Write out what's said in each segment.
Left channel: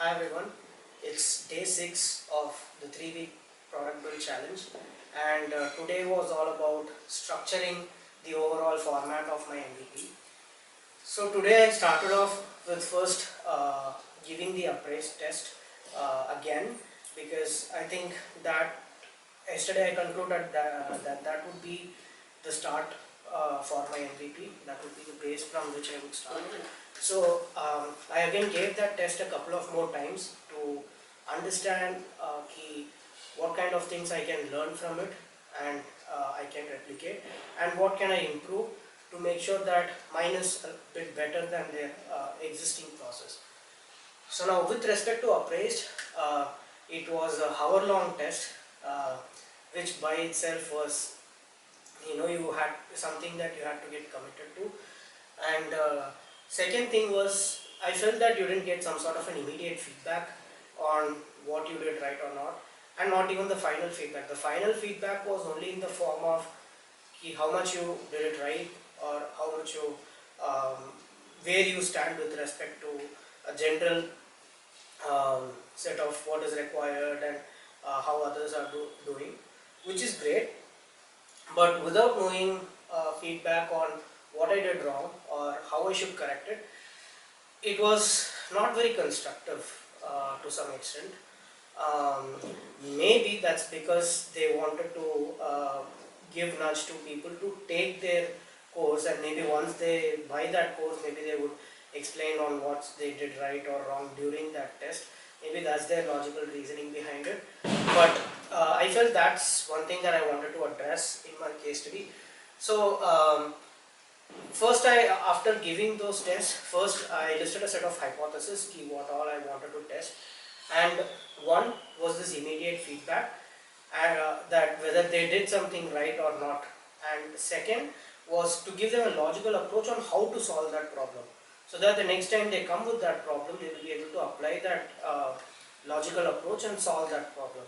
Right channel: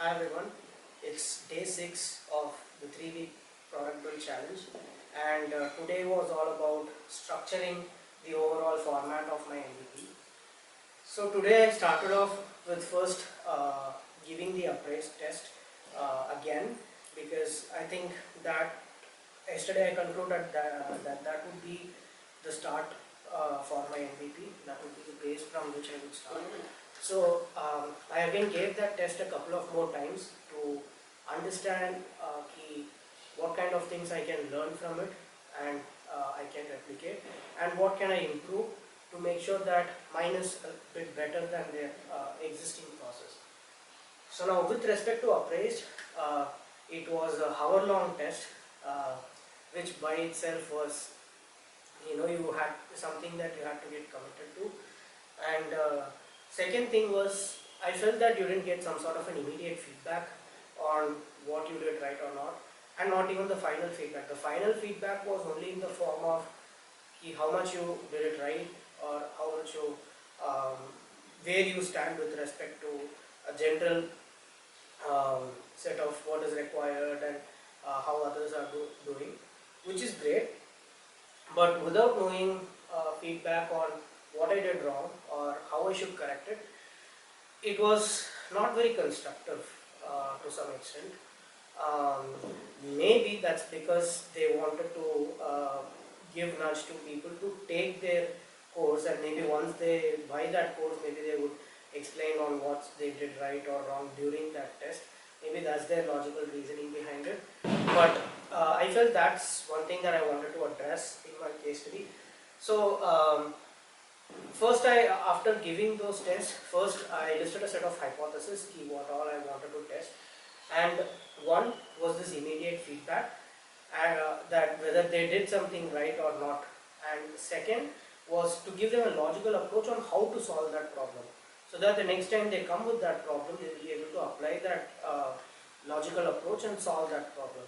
Hi everyone, it's day 6 of the 3-week product build challenge, and today was all about structuring the overall format of my MVP. So today I started off with first giving the appraise test again, because I think that yesterday I concluded that would be the start for my MVP. That would be the base from which I would start. So I again gave that test a couple of more times to understand what kind of things I can learn from it, and I can replicate, and what can I improve to make sure that mine is a bit better than their existing process. So now with respect to appraised, it was a hour-long test, uh, which by itself was, you had something that you had to get committed to. And second thing was, I felt that you didn't get some sort of an immediate feedback on what you did right or not, and not even the final feedback. The final feedback was only in the form of how much you did it right, or how much you, um, where you stand with respect to a general set of what is required, and how others are doing, which is great. But without knowing feedback on what I did wrong or how I should correct it, it was not very constructive to some extent. Um, Maybe that's because they wanted to give nudge to people to take their course, and maybe once they buy that course, maybe they would explain on what they did right or wrong during that test. Maybe that's their logical reasoning behind it. But I felt that's one thing that I wanted to address in my case study. So first, after giving those tests, first I listed a set of hypotheses, what all I wanted to test, and one was this immediate feedback, and that whether they did something right or not, and second was to give them a logical approach on how to solve that problem, so that the next time they come with that problem, they will be able to apply that logical approach and solve that problem,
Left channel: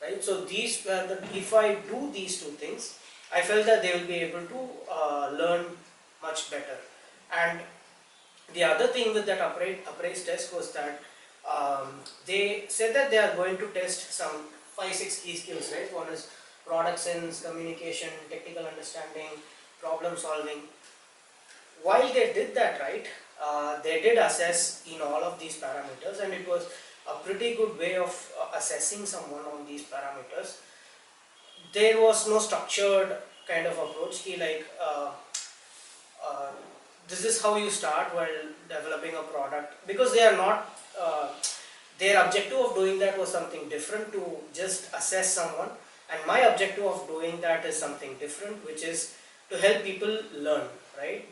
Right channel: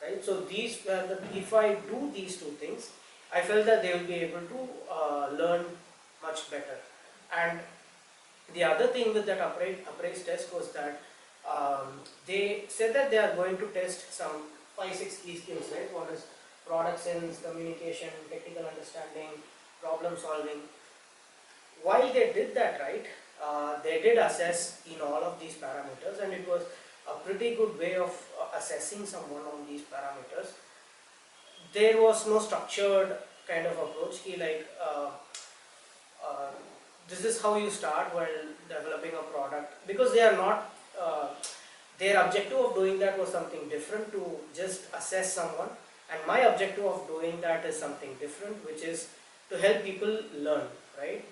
right? So these were if I do these two things, I felt that they will be able to learn much better. And the other thing with that appraise test was that they said that they are going to test some 5-6 key skills, right? One is product sense, communication, technical understanding, problem solving. While they did that, right, they did assess in all of these parameters, and it was a pretty good way of assessing someone on these parameters. There was no structured kind of approach, uh, this is how you start while developing a product, because they are not their objective of doing that was something different, to just assess someone, and my objective of doing that is something different, which is to help people learn, right?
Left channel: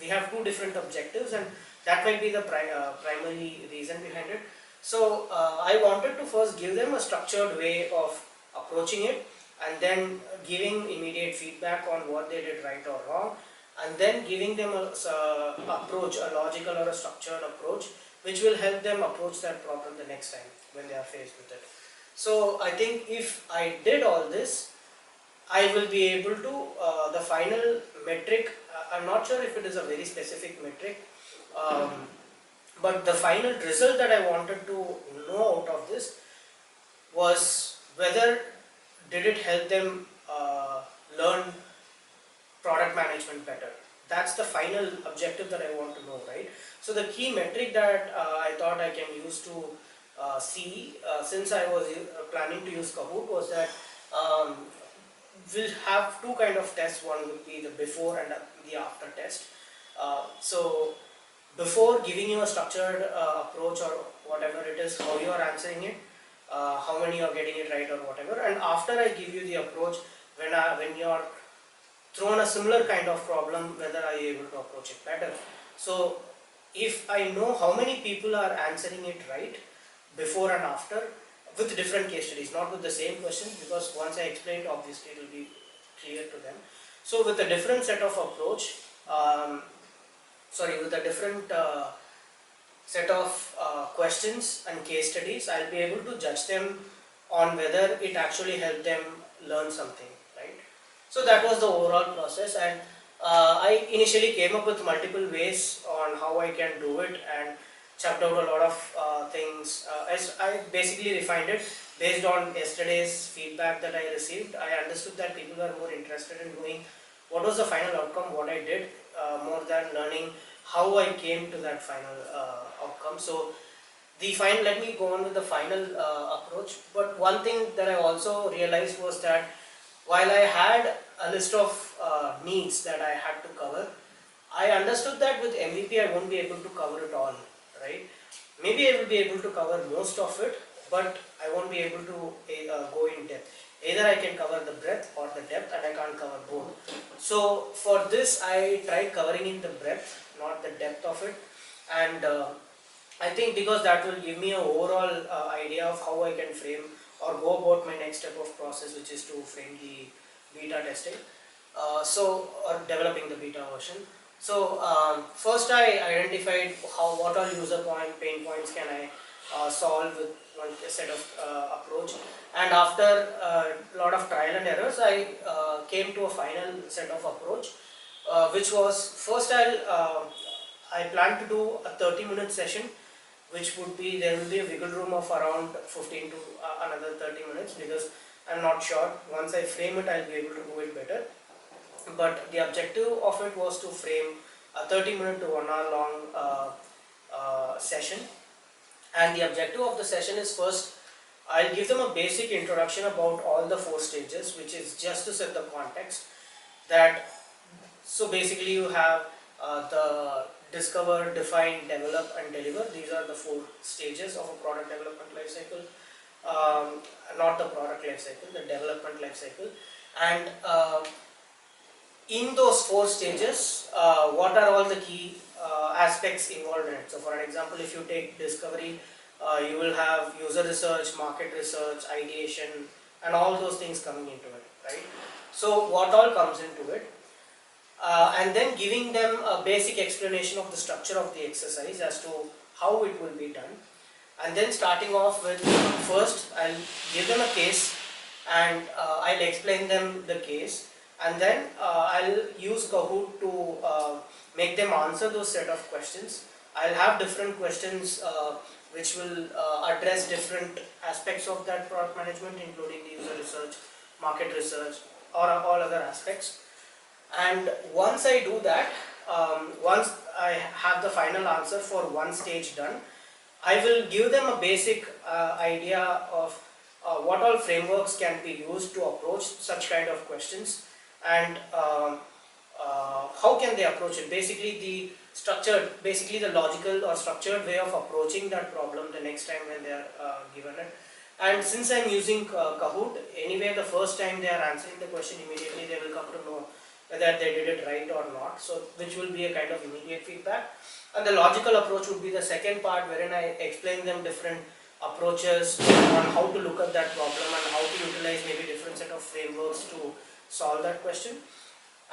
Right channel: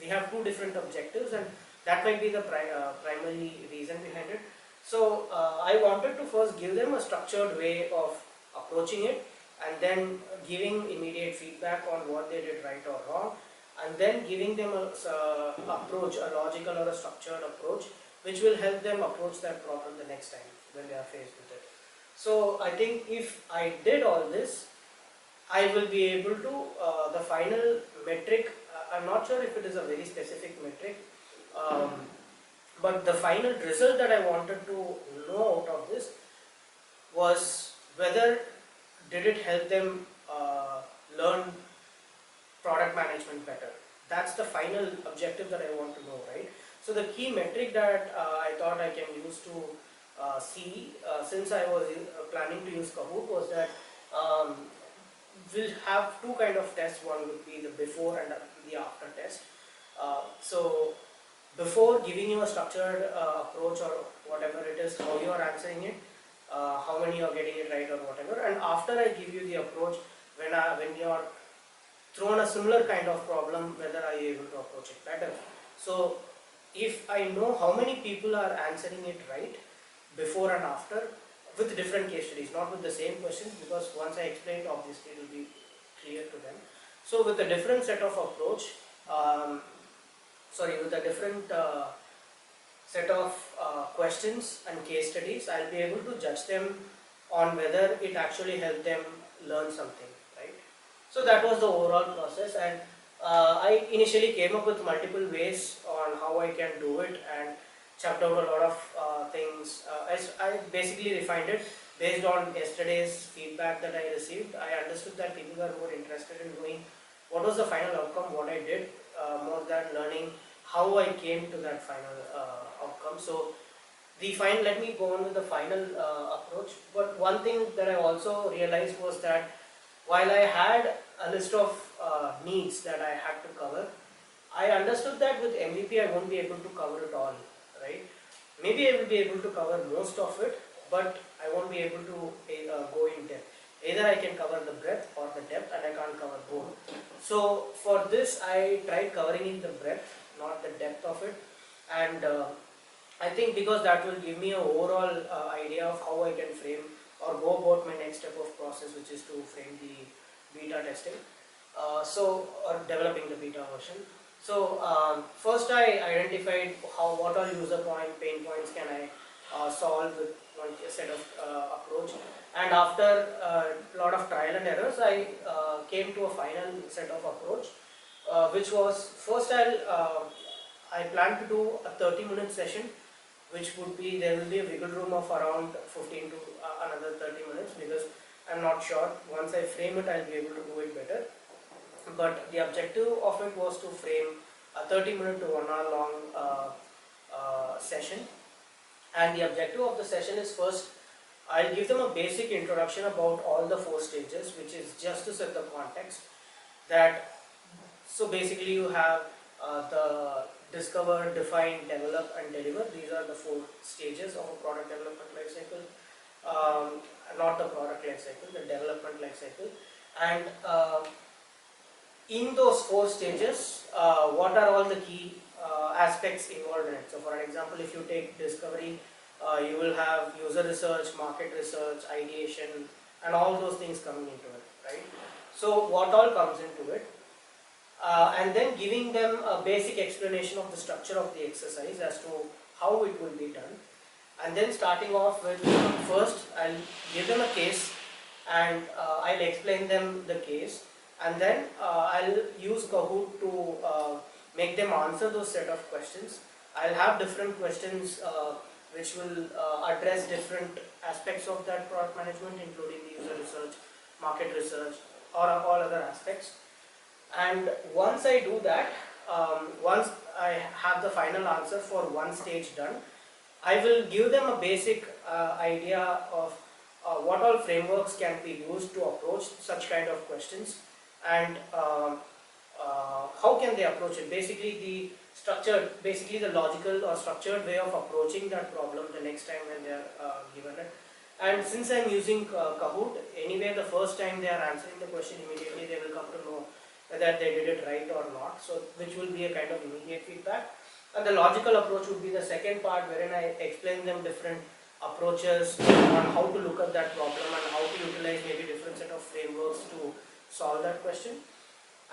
We have two different objectives, and that might be the primary reason behind it. So I wanted to first give them a structured way of approaching it, and then giving immediate feedback on what they did right or wrong, and then giving them a approach, a logical or a structured approach, which will help them approach that problem the next time when they are faced with it. So I think if I did all this, I will be able to, the final metric, I'm not sure if it is a very specific metric, um, but the final result that I wanted to know out of this was whether did it help them learn product management better. That's the final objective that I want to know, right? So the key metric that I thought I can use to see, since I was planning to use Kahoot, was that um, we'll have two kind of tests. One would be the before and the after test. So before giving you a structured approach or whatever it is, how you are answering it, how many you are getting it right or whatever, and after I give you the approach, when you are thrown a similar kind of problem, whether are you able to approach it better. So if I know how many people are answering it right before and after, with different case studies, not with the same questions, because once I explained, obviously it will be clear to them. So with a different set of approach, with a different set of questions and case studies, I'll be able to judge them on whether it actually helped them learn something, right? So that was the overall process, and I initially came up with multiple ways on how I can do it, and chucked out a lot of things. As I basically refined it based on yesterday's feedback that I received. I understood that people were more interested in knowing what was the final outcome, what I did, more than learning how I came to that final outcome. So let me go on with the final approach. But one thing that I also realized was that while I had a list of needs that I had to cover, I understood that with MVP I won't be able to cover it all, right? Maybe I will be able to cover most of it, but I won't be able to go in depth. Either I can cover the breadth or the depth, and I can't cover both. So for this, I tried covering in the breadth, not the depth of it, and I think because that will give me an overall idea of how I can frame or go about my next step of process, which is to frame the beta testing. Or developing the beta version. So first I identified what all pain points can I solve with one set of approach, and after a lot of trial and errors, I came to a final set of approach, which was first I plan to do a 30-minute session, which would be, there will be a wiggle room of around 15 to another 30 minutes, because I'm not sure. Once I frame it, I'll be able to do it better. But the objective of it was to frame a 30-minute to 1 hour long session. And the objective of the session is, first I'll give them a basic introduction about all the 4 stages, which is just to set the context. So basically you have the discover, define, develop and deliver. These are the 4 stages of a product development life cycle. Not the product life cycle, the development life cycle. And in those 4 stages, what are all the key aspects involved in it? So for an example, if you take discovery, you will have user research, market research, ideation, and all those things coming into it, right? So what all comes into it? And then giving them a basic explanation of the structure of the exercise as to how it will be done. And then starting off with, first I'll give them a case, and I'll explain them the case, and then I'll use Kahoot to make them answer those set of questions. I'll have different questions which will address different aspects of that product management, including the user research, market research, or all other aspects. And once I do that, once I have the final answer for one stage done, I will give them a basic idea of what all frameworks can be used to approach such kind of questions, and how can they approach it. Basically the logical or structured way of approaching that problem the next time when they are given it. And since I am using Kahoot, anyway the first time they are answering the question, immediately they will come to know whether they did it right or not, so which will be a kind of immediate feedback. And the logical approach would be the second part, wherein I explain them different approaches on how to look at that problem and how to utilize maybe different set of frameworks to solve that question.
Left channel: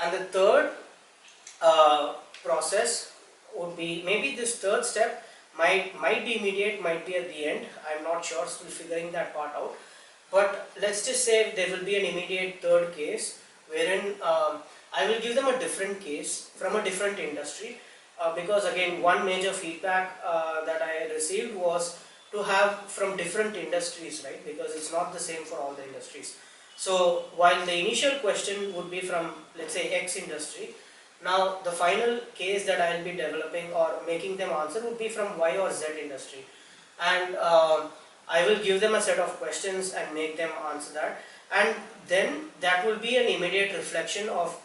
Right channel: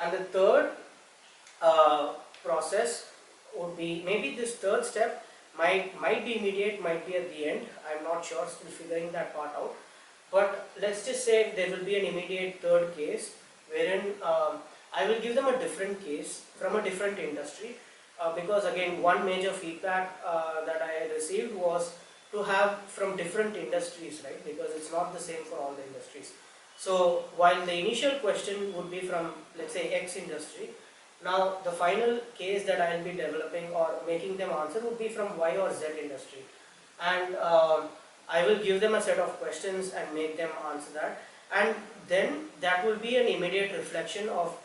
And the third process would be, maybe this third step might be immediate, might be at the end. I'm not sure, still figuring that part out. But let's just say there will be an immediate third case, wherein I will give them a different case from a different industry, because again, one major feedback that I received was to have from different industries, right? Because it's not the same for all the industries. So while the initial question would be from, let's say, X industry, now the final case that I will be developing or making them answer would be from Y or Z industry. And I will give them a set of questions and make them answer that. And then that will be an immediate reflection of,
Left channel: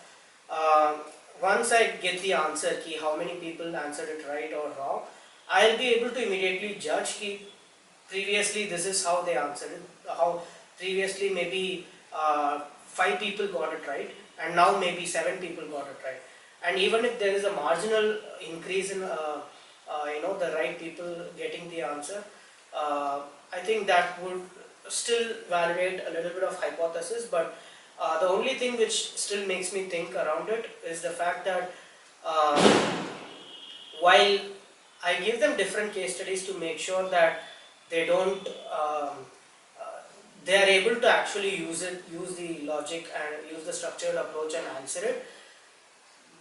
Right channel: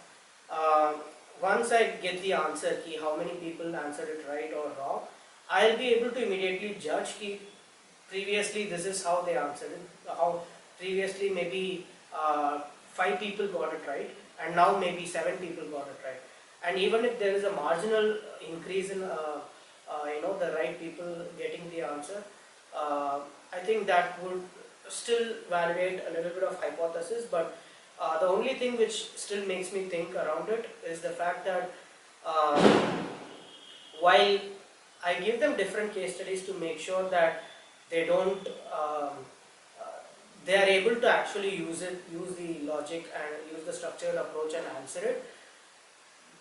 once I get the answer key, how many people answered it right or wrong, I'll be able to immediately judge key, previously this is how they answered it, how previously maybe 5 people got it right, and now maybe 7 people got it right. And even if there is a marginal increase in the right people getting the answer, I think that would still validate a little bit of hypothesis. But the only thing which still makes me think around it is the fact that while I give them different case studies to make sure that they don't, they are able to actually use the logic and use the structured approach and answer it,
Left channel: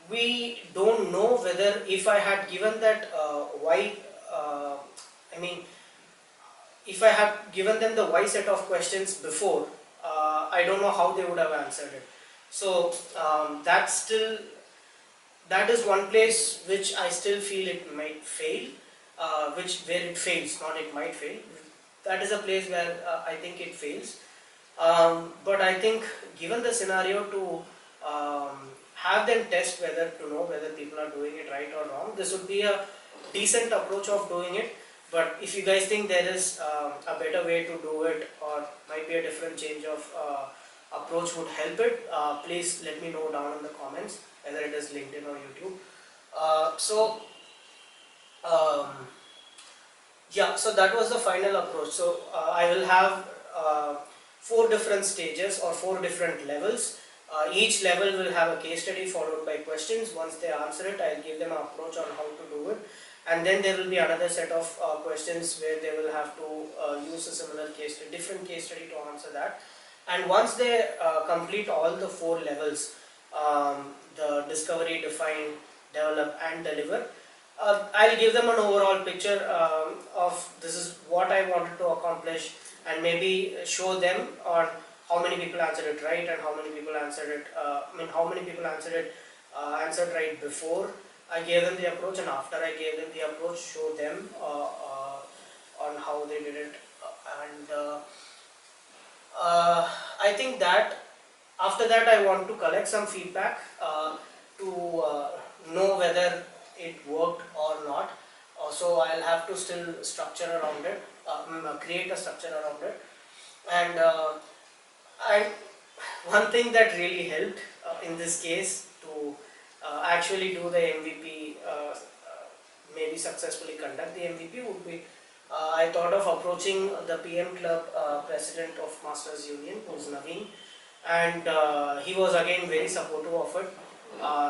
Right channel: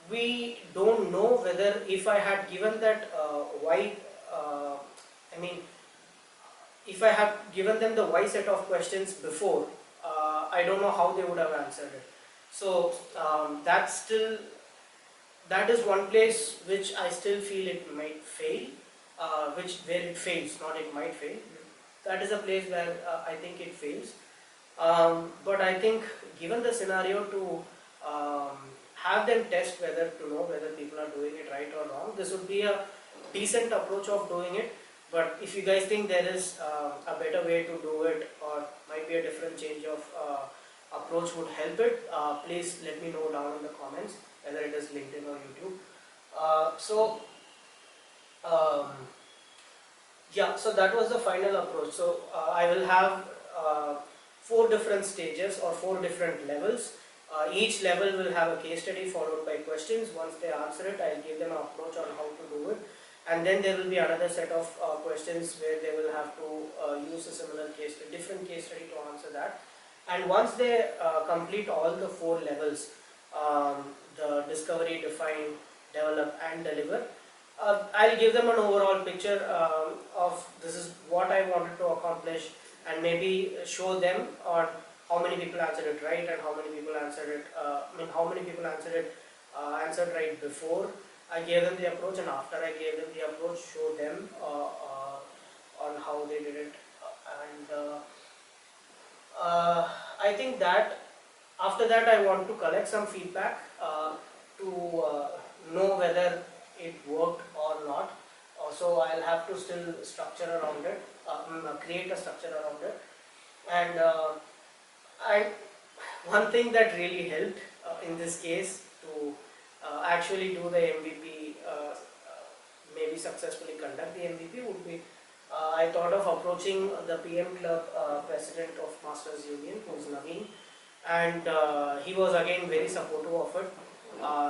we don't know whether if I had given that if I have given them the Y set of questions before, I don't know how they would have answered it. So that is one place which I still feel it might fail, where it fails, not it might fail. That is a place where I think it fails. But I think given the scenario to have them test whether to know whether people are doing it right or wrong, this would be a decent approach of doing it. But if you guys think there is a better way to do it, or might be a different change of approach would help it, please let me know down in the comments, whether it is LinkedIn or YouTube. Um, yeah, so that was the final approach. So I will have 4 different stages or 4 different levels. Each level will have a case study followed by questions. Once they answer it, I'll give them an approach on how to do it. And then there will be another set of questions where they will have to use a similar different case study to answer that. And once they complete all the 4 levels, the discovery, define, develop and deliver, I'll give them an overall picture of this is what I wanted to accomplish, and maybe show them on how many people answered it right and how many people answered it, how many people answered right before I gave them the approach, and after I gave them the approach, show them on how they did it. I think that after that I want to collect some feedback to know whether it worked or not. So I'll have to still structure around it, create a structure around it. And one thing that really helped in this case to actually do the MVP, maybe successfully conduct the MVP, would be I thought of approaching the PM Club president of Masters Union, who's Naveen, and he was again very supportive of it.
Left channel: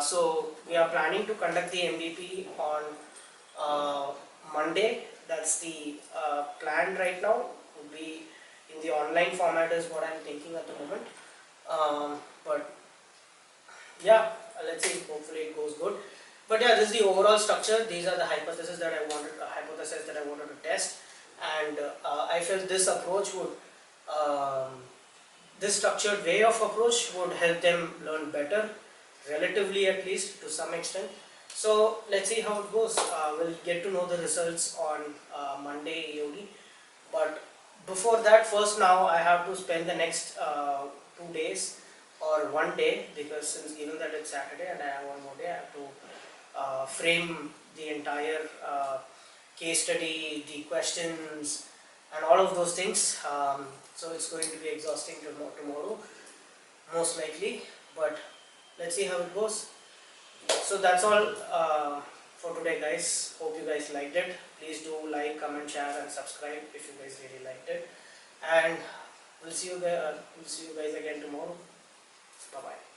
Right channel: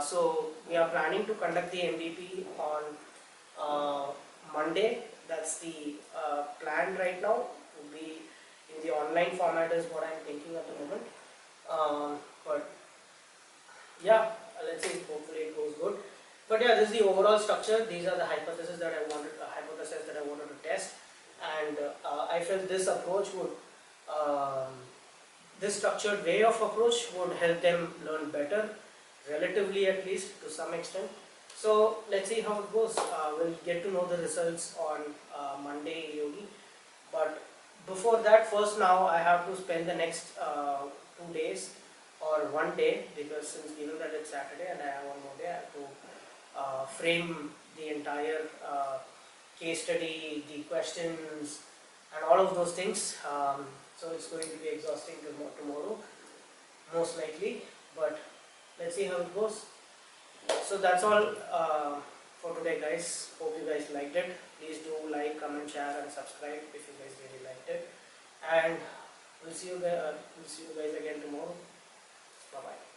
So we are planning to conduct the MVP on Monday. That's the plan right now. Would be in the online format is what I'm thinking at the moment. But yeah, let's see. Hopefully it goes good. But yeah, this is the overall structure. These are the hypotheses that I wanted to test, and I felt this approach would. This structured way of approach would help them learn better, relatively at least to some extent. So let's see how it goes. We'll get to know the results on Monday EOD. But before that, first now I have to spend the next 2 days or one day, because since given that it's Saturday and I have one more day, I have to frame the entire case study, the questions and all of those things. So it's going to be exhausting tomorrow, most likely, but let's see how it goes. So that's all for today, guys. Hope you guys liked it. Please do like, comment, share and subscribe if you guys really liked it. And we'll see you guys again tomorrow. Bye bye.